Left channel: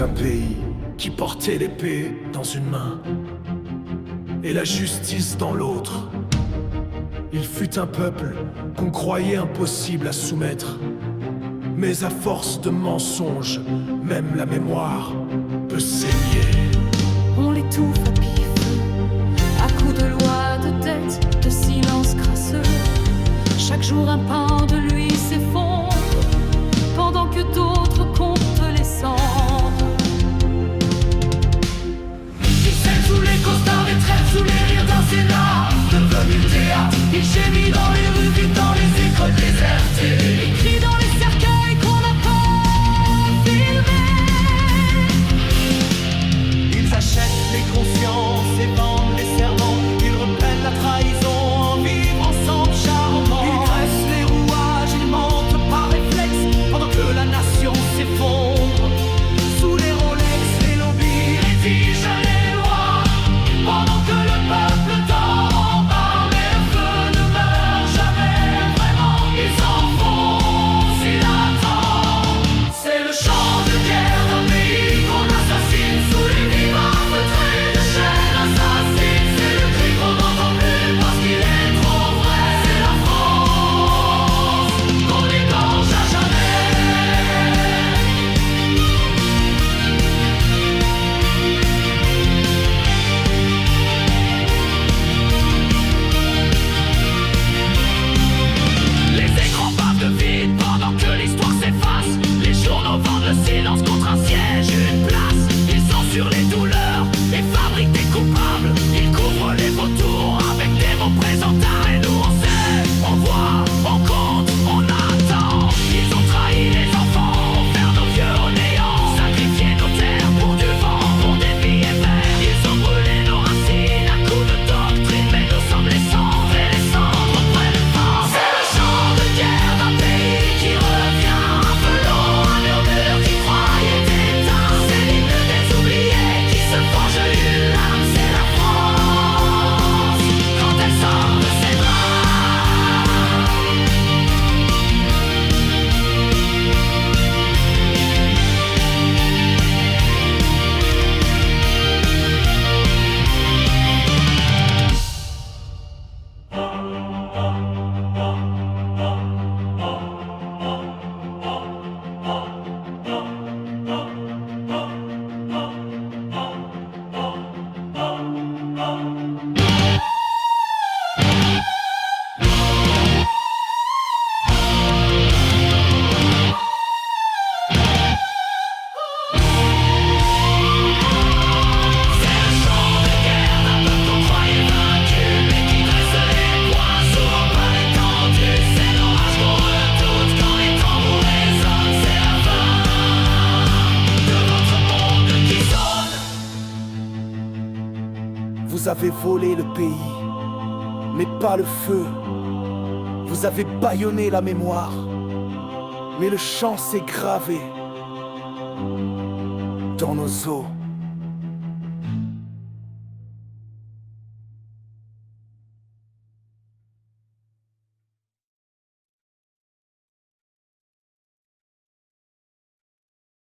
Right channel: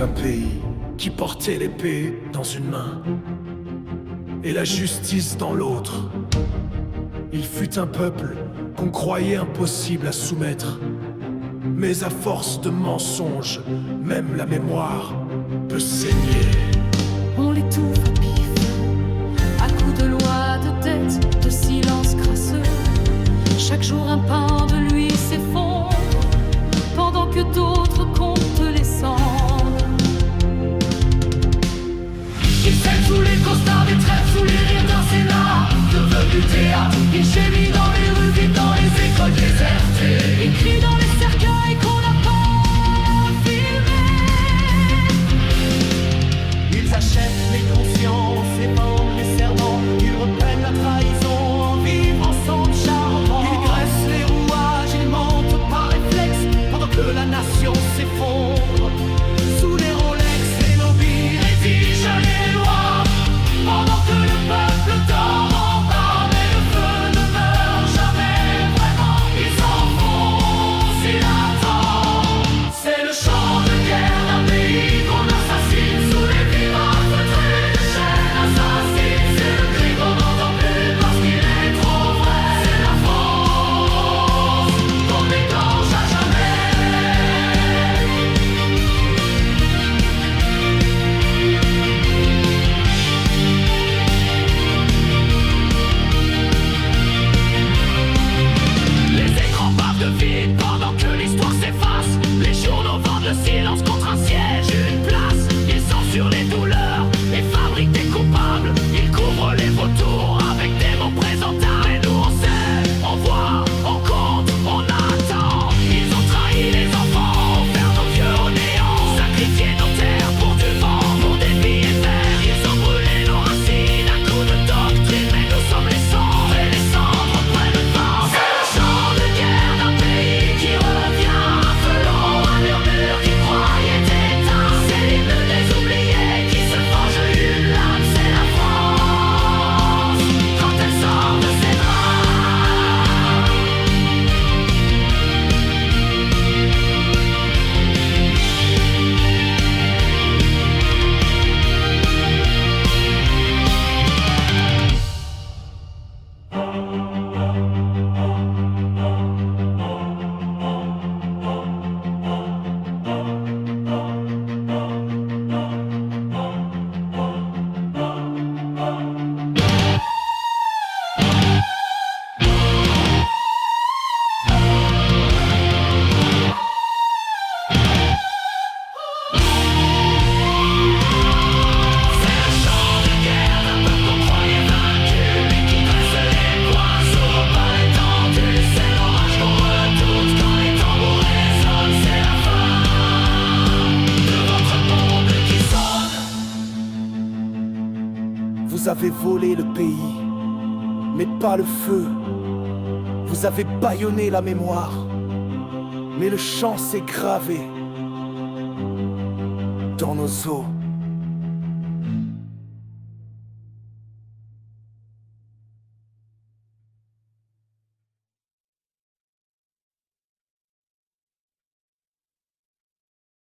un pays qui portait l'épée dans une main et la justice dans l'autre. Il fut un peuple qu'on croyait impossible à soumettre, mais à force de mensonges, même la mémoire peut saigner. On l'étouffe à pif, à coups de loi, de dette, de silence crasseux. Chaque jour un pain de lui s'effondre, pendant que d'autres comptent les cendres. Ficelle sous les costards, des trêves sous les rires d'un Sénat devenu théâtre. Il gémit dans les rues, vit dans les écoles désertées. Il crie dans les cercueils qu'on n'a pas filmés. Ils achètent les consciences et vendent les serments. Ils repellent la trahison en vivre ensemble charmant. Ils graissent les rouages, ils mentent par réflexe, pendant que la nation s'effondre. Sous les Rolex, les lobbies rédigent les lois, pendant que le peuple dort en bas. Mais le feu ne meurt jamais vraiment, il s'enfonce, il attend. C'est le chant de guerre d'un pays qu'on assassine sous les vivants feutrés de chaînes assassines. C'est le cri qu'on n'entend plus parce qu'il est trop vrai. C'est la France qu'on égorge à jamais. Les écrans bavent de vide pendant que l'histoire s'efface. Les journaux vendent le silence contre un siège, une place. Ils censurent les douleurs et fabriquent des coupables. Ils couvrent les vautours avec des mots présentables. Mais nous on sait, on voit, on compte, on attend. Ils ont trahi les enfants, offert nos vieux au néant, sacrifié nos terres pour du vent, pour des billets verts. Ils ont brûlé nos racines à coups de doctrine, mais nous sommes les cendres et les cendres prennent vent. C'est le chant de guerre d'un pays qui revient, un feu long, un murmure qui croyait éteint. C'est l'hymne des oubliés qui se forge une lame. C'est la France quand elle sort de ses draps. C'est le chant de guerre d'un peuple qu'on croyait vaincu, mais qui dresse les poings, s'ouvre pas l'étendue. C'est l'orage qu'on redoute quand les tambours résonnent. C'est la fin de votre monde qui sonne. Vous avez volé le pays, mais pas le feu. Vous avez bâillonné la mémoire, mais le chant s'est gravé dans nos os.